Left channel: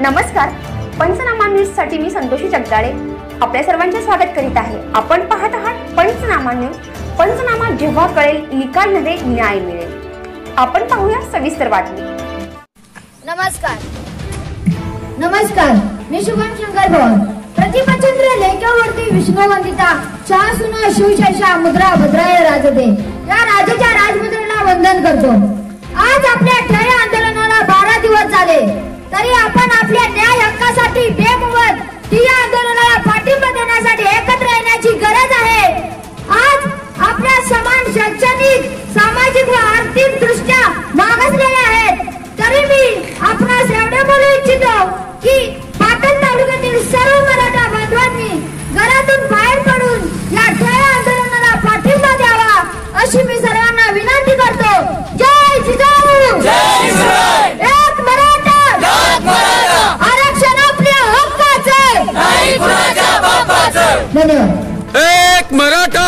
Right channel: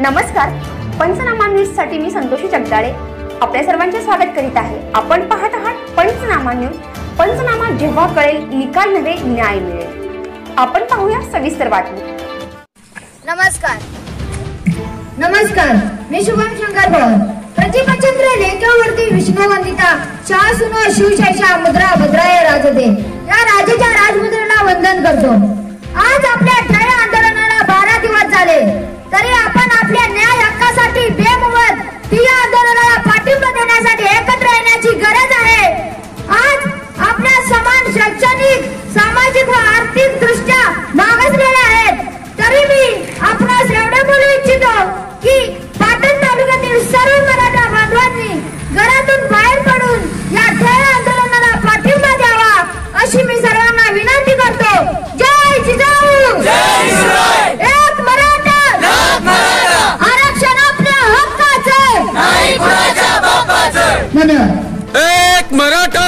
नमस्कार, पंचनामा न्यूज साठी मी संतोषी जगदाळे आपल्या सर्वांचे स्वागत करीत आहे। आपण पाहत आहात पंचनामा न्यूज। पंचनामा जेव्हा कळेल, निकाल नव्हे न्याय मिळेल। आपण पाहूया सविस्तर बातमी। नमस्कार, मी शुभम शंकर भवन। प्रतिपचंद्र लेखावरती विष्णू वंदिता शासुनो शिवशैषा मुद्रा भद्राय राजदे या राजाच्या राजमुद्रेला वंदन करतो। आज आपल्या न्याय आंदोलनाला 12 दिवस झाले, तरी आपण आपल्या न्याय हक्कासाठी बेमुदत ठिय्या आंदोलनाला पाठिंबा देण्यासाठी एकत्र येण्याची गरज आहे। आज आपल्या समान शैक्षणिक, सामाजिक व आर्थिक दृष्ट्या मागासलेले आहेत, तरी मी आपणास एवढे बोलू इच्छितो की पाटण तालुक्यातील सर्व मराठा बांधवांनी घरातून बाहेर पडून या न्याय आंदोलनाला पाठिंबा द्यावा, अशी मी सर्वांना विनंती करतो। जय जिजाऊ, जय शिवराय। एक मराठा, आरक्षण आपल्या हक्काचे, नाही कुणाच्या बापाचे। धन्यवाद। एक मराठा,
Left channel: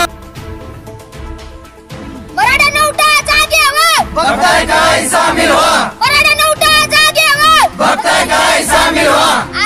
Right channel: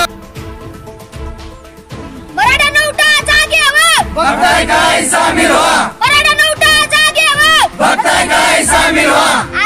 मराठा उठा, जागे व्हा, बघताय काय सामील व्हा। मराठा उठा, जागे व्हा, बघताय काय सामील व्हा।